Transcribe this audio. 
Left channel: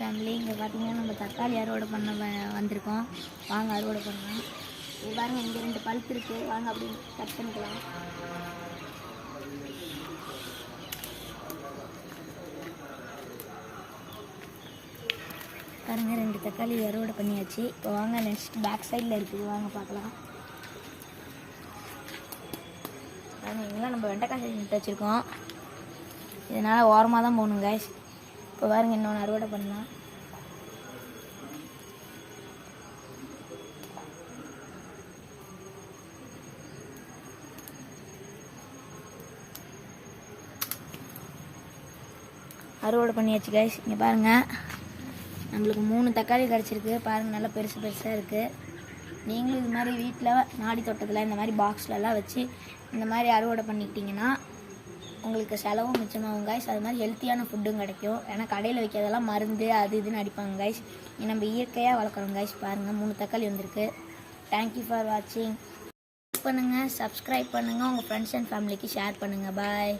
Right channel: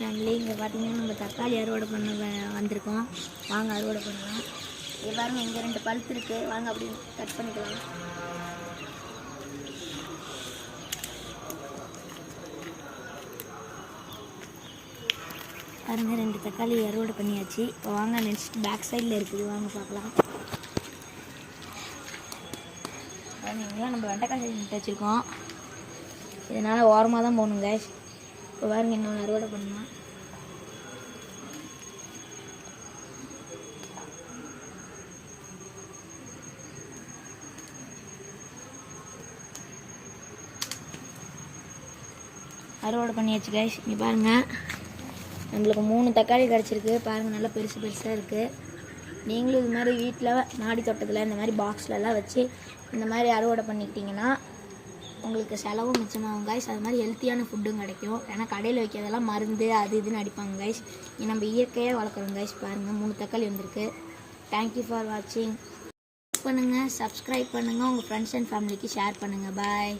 Family இங்கே பார்த்தீங்கன்னா நம்ம தக்காளி அறுவடை பண்ண வந்திருக்கோம். வாங்க அறுவடை பண்ணலாம். இது பாருங்க, இங்கே 2 பழுத்து இருக்குது. வாங்க அப்படி கட் பண்ணிக்கலாம். பாருங்க, 2 தக்காளி அறுவடை பண்ணியாச்சு. இப்போ வாங்க நெக்ஸ்ட் பேக் சைடில் இருக்குது, வாங்க பார்க்கலாம். பாருங்க, இங்கெல்லாம் நம்ம வெண்டைக்காய் செடி நட்டு வச்சுருக்கோம். இதனால் ஓரமாக தான் போகணும் கைஸ். இப்போ பாருங்க, இன்னொன்று அறுவடை பண்ணலாம். அறுவடை பண்ணியாச்சு கைஸ். இங்கே பாருங்கள், நம்மளுக்கு 3 தக்காளி கிடச்சிருக்கு. பாருங்கள், நல்லா பெருசு பெருசாக இருக்குது. நீங்களும் இது மாதிரி வீட்டில் மாடி தோட்டத்தில் இந்த மாதிரி பாக்ஸ்லலாம் வச்சு இந்த மாதிரி அறுவடை பண்ணிக்கிட்டிங்கன்னா உங்களுக்கு செலவும் மிச்சமாகும் கைஸ். அது மாதிரி ஹெல்த்தியான ஃபுட்டும் கிடைக்கும். ஏன்னா கடையில் வைக்கிறதெல்லாம் மருந்து அது இதுன்னு அடிப்பாங்க கைஸ். நம்ம இயற்கையாக வளர்க்குறோம் கைஸ். பாருங்கள், 3 தக்காளி வந்திருக்கு. தேங்க்யூ ஃபார் வாட்சிங். லைக் பண்ணுங்கள், சப்ஸ்கிரைப் பண்ணுங்கள், உங்கள் ஃப்ரெண்ட்ஸ் அண்ட் ஃபேமிலிக்கு ஷேர் பண்ணுங்கள். பாய்.